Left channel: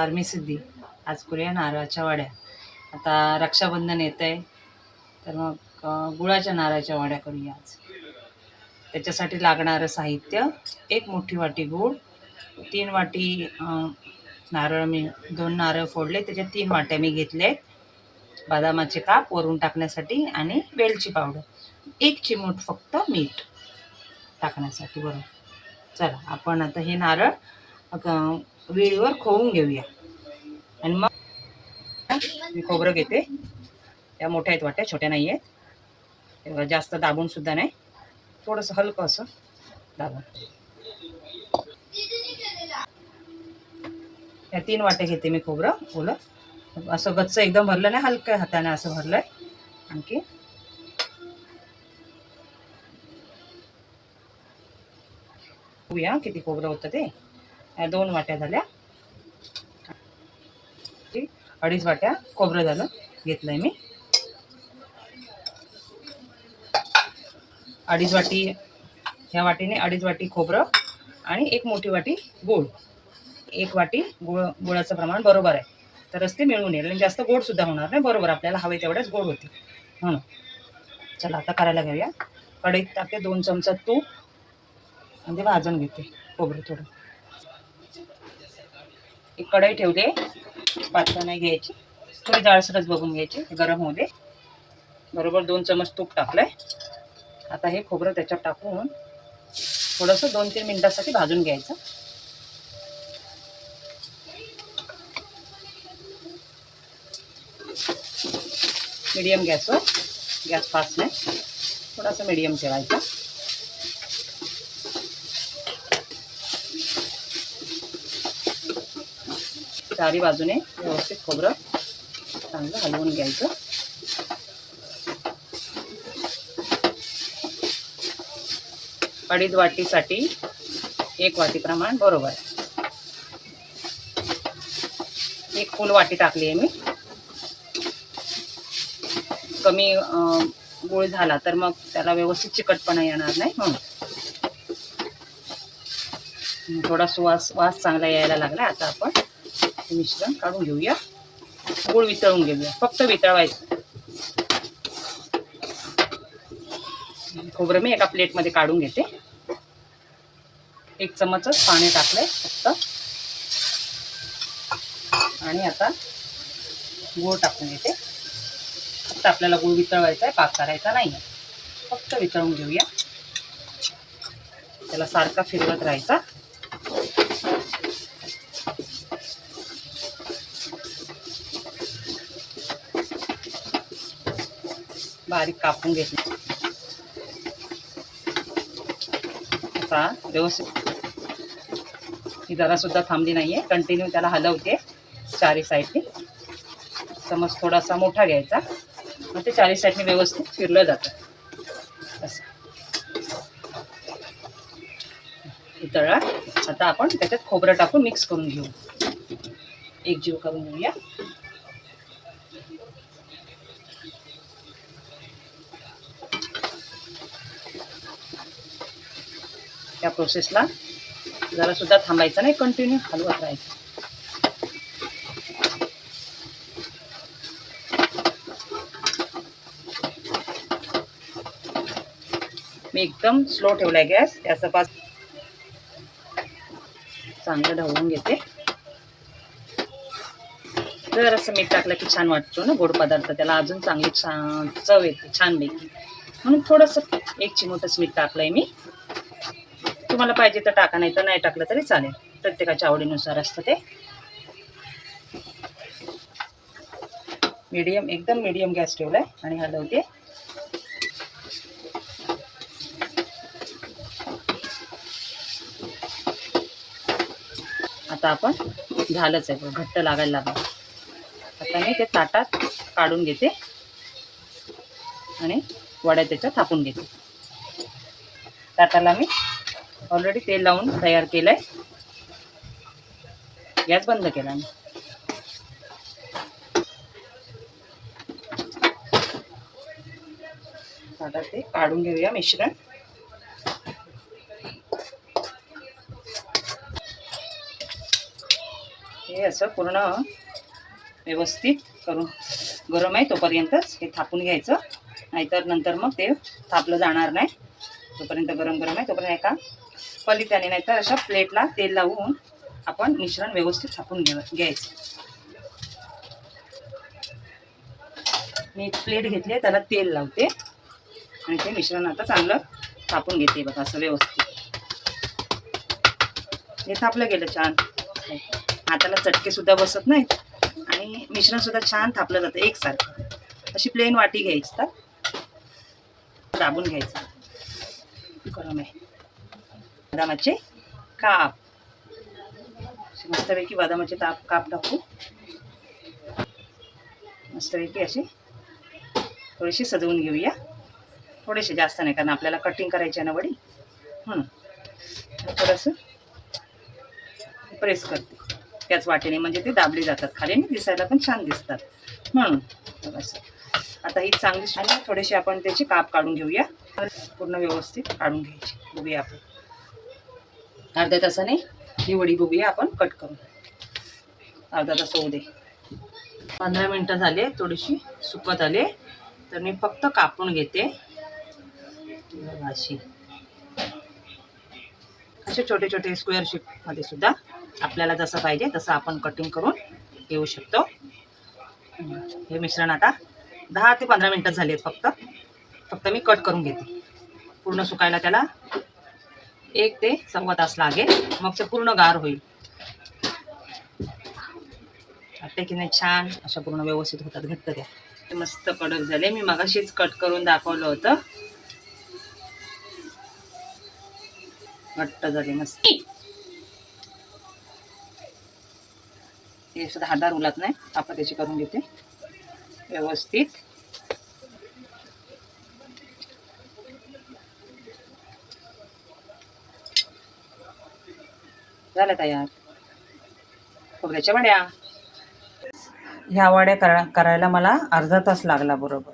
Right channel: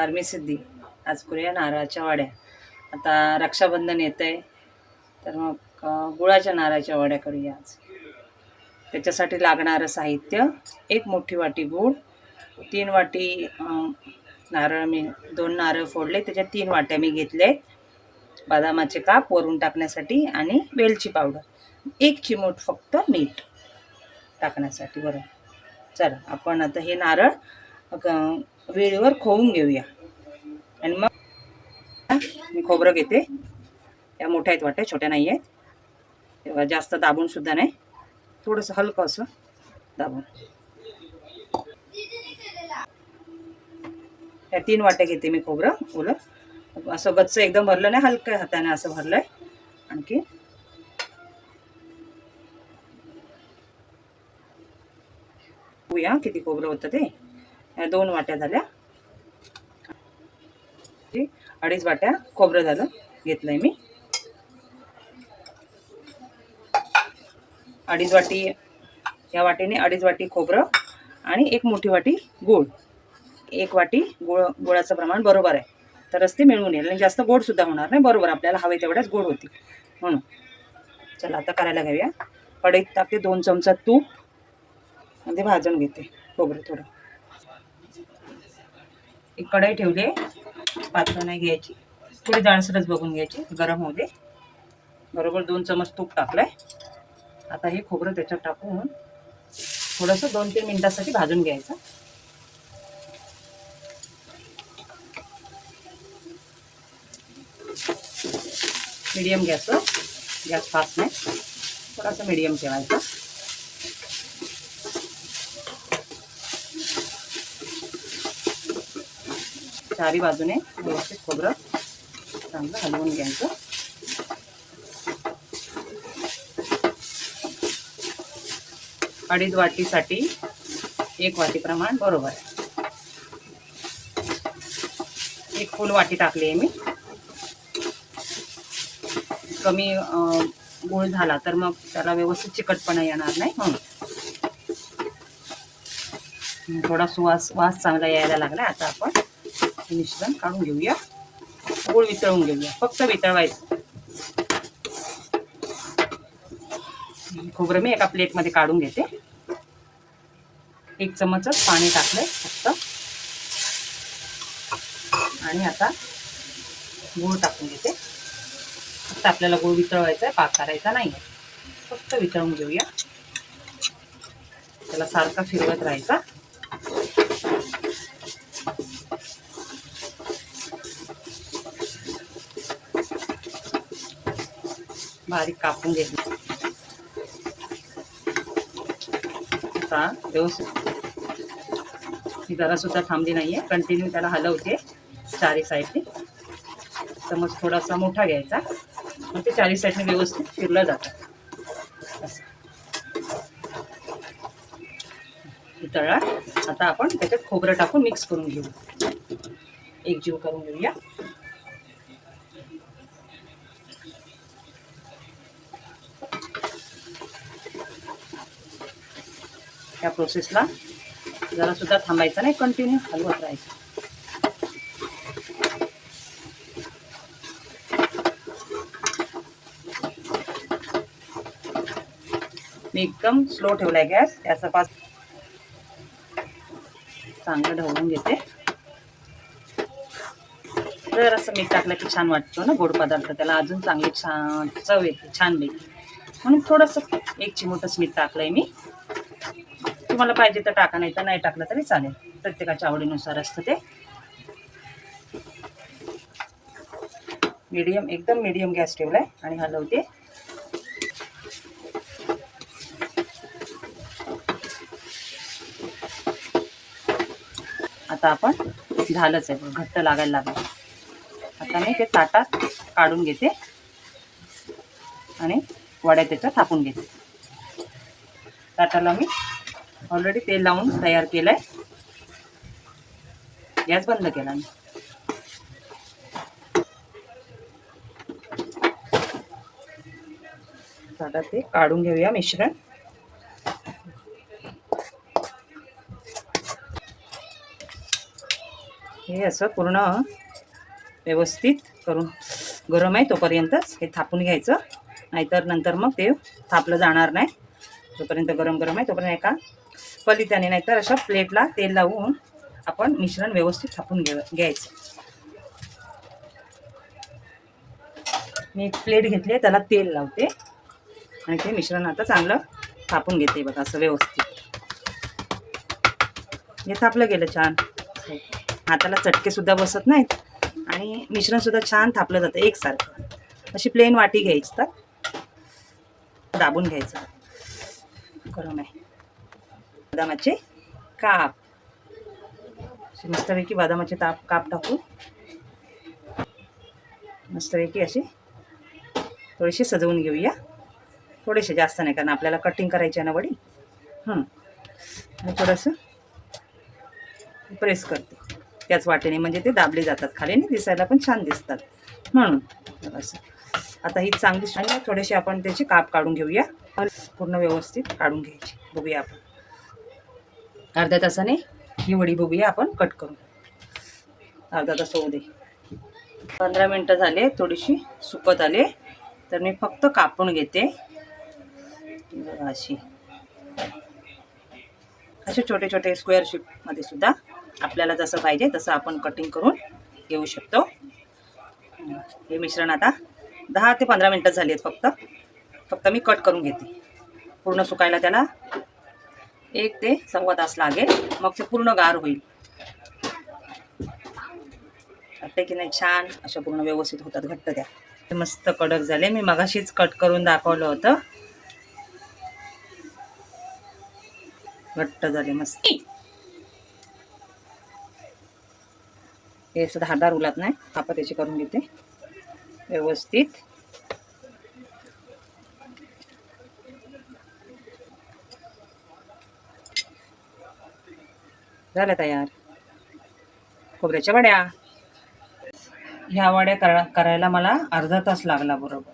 नमस्कार, मी सिद्धी. आज करूया नारळाच्या वड्या. आता रक्षाबंधन येत आहे, तर मग गुळाच्या नारळाच्या वड्या करूया आज. त्याच्यासाठी लागणारं साहित्य: 1 मोठी वाटी गूळ, 3 वाटी नारळ. मी 2 नारळ फोडले, त्याच्यात 3 वाट्या मी घेतले. बदामाचे काप वरून टाकण्यासाठी आणि वेलची पावडर, 1 चिमूट फक्त मीठ टाकण्यासाठी. बरोबर. चला, आपण आता हे नारळ वेळेवर खोवून घेऊया. आणि मग मी खोबरं घेते. त्या मोठ्या आहेत वाट्या, छोट्या नाही आहेत. तेव्हा जास्त दाबून सुद्धा नाही, थोडंसं हलकं असं दाबून. या 3 वाट्या घेते मी खोबरं. ओलं असं गच्च एकदम भरलं नाही, हलक्या हाताने असं भरलंय. आणखी बघूया किती खोबरं होतं ते. या 2 वाट्या झाल्या. 2.5 वाट्या खोबरं झालं घेतलंय मी. 2.5 वाटी, ह्या वाटीने 2.5 वाटी खोबरं आणि 1 मोठी वाटी गूळ. 1 वाटी गुळाचं प्रमाण बरोबर आहे, तरच ते मिळून येईल. आणि जास्त गोड सुद्धा होणार नाही, बरोबर आपल्याला हवे तेवढ्याच गोड होती म्हणून. चला आता करायला घेऊया. कढईत टाकते 2 चमचा तूप आणि ते भाजून घेते खोबरं थोडं. एक कढई ठेवली, पातळ नाही घ्यायची, थोडी जाडसरच बघून घ्यायची. गरम होऊ दे. बरोबर 2 चमच तूप टाकलंय. आता हे खोबरं त्याच्यात टाकून थोडंसं 2-3 मिनिटासाठी भाजून घ्यायचं. मीडियम गॅसवर, गॅस फास्ट नाही, थोडासा मीडियम ठेवायचा. चारी बाजूने व्यवस्थित खोबरं चांगलं हलवून घ्यायचं. अडीच वाटीसाठी 1 वाटी प्रमाण बरोबर आहे. 1 फुल वाटी टाकली आहे मी. कमी गूळ झाला तर मग त्याला व्यवस्थित चिकटपणा येणार नाही म्हणून. थोडा वास चांगला यायला लागला. आता आपण हे मिश्रण काढून घेऊया. गूळ वितळून घेऊया, फक्त वितळवायचं. खोबरं मी एका प्लेटमध्ये काढून घेते. 1 चमचच पाणी टाकलंय फक्त. आणि आता गूळ टाकून घेते. फक्त आपल्याला गूळ वितळवायचा आहे, पाक करायचा नाही आहे. फक्त वितळून घेऊया. त्याला सारखा फिरवत राहायचा. बारीक कापून घेतलं. आता व्यवस्थित, ही जरा सुद्धा थांबली नाहीये, कंटिन्यू त्याला हलवते चारी साईडने. चमच थोडासा मोठा घ्यायचा, मग ते चारी साईडने व्यवस्थित फिरलं जातं असं. तळा. आता आपण त्याच्यात खोबरं टाकून मिक्स करून घेऊ, एकजीव करून घेऊया. या प्रोसेसला जरा सुद्धा थांबायचं नाही, कंटिन्यू हलवत राहायचं. मी एकदम स्लो ठेवलाय गॅस. त्याचा चांगलं ढवळून घेते. जर असं मीठ टाकलं की छान वाटतो ना गोड पदार्थ, त्याला अजून चांगली छान चव येते छानपैकी. म्हणून थोडंसं 1 चिमूटच मीठ टाकलंय मी. तुम्हाला पाहिजे तर टाका, नाही तर नाही टाकलं तरी चालेल. प्रत्येकाच्या आवडीनुसार असतं ते. मीडियम, एकदम मीडियम गॅस ठेवलाय आणि हलवते. आता आपण झालंच आहे, घट्ट लागायला लागलं. आता मी ते ताटात काढून घेते आणि वड्या त्याच्यात थापून घेते. ताटाला मी ऑलरेडी तेल लावून तयार केलंय. गॅस बंद केला मी. आता ते काढून घेऊया मिश्रण. हे असं पूर्ण व्यवस्थित करून गरम आहे तोपर्यंतच हे थापून घ्यायचं, नाहीतर नंतर मग ते थापलं जाणार नाही. जोपर्यंत गरम गरम आहे तोपर्यंत एका पलित्याने नाहीतर अशा प्लेटला तेल लावून आपण मिश्रण व्यवस्थित थापून घ्यायचं. मी एक प्लेट घेतली, त्याला तेल लावते आणि ते मिश्रण आता चांगलं थापून घेते बघा असं व्यवस्थित. हे थापलं गेलं छान, हाताला चटके सुद्धा बसत नाहीत आणि मिश्रण सुद्धा छान थापलं जातं एकसारखं. अशी प्लेन वाटी घ्यायची, तर दाबून घ्यायचं. गरम आहे. बदामाचे काप, मस्तपैकी बदामाचे काप टाकू, मस्तपैकी अशी थोडीशी सजवून घेऊया. थोडेसे, जास्त नाही, कारण आपल्याला कटिंग करायची आहे ना वडी. आणि थोडंसं प्रेस करते त्याच वाटेने, म्हणजे ते दाबले जातात खाली आणि दिसायला पण छान दिसतात म्हणून. असं आता ही चांगली आणि थोडेसे आपण त्याचे काप काढून घेऊया. पूर्ण व्यवस्थित काढून घ्यायची. बघूया आपण अर्ध्या तासाने ही वडी बघूया आपण कट करून. अर्धा तास होऊ दे. 15 मिनटं झाले, थोडीशी सुकत आले, तर मी फक्त कापून घेते. अशी असे छोटे छोटे स्क्वेअर शेपमध्ये सुद्धा आपल्याला जसं पाहिजे तसं आपण कटिंग करून घेऊ शकतो. हे मिश्रण आता 10 ते 15 मिनटं झाली आहेत. फक्त मी कट करून घेते. पूर्ण सुकायला त्याला 1 ते सव्वा तास लागेल, मग ते पूर्ण गार होईल. वाटते की नाही छान, अशा पूर्ण व्यवस्थित होतात घट्ट त्या. ते मस्त कडक झाले. मी मगाशीच कट करून दाखवलं होतं. घट्ट झाले मस्त. हे सुद्धा धारदार उलत नाही. आपण त्याची करून घेते व्यवस्थित. झालं तयार खोबऱ्याच्या वड्या. ह्या वड्या करायला मला अर्धा तास लागला बरोबर.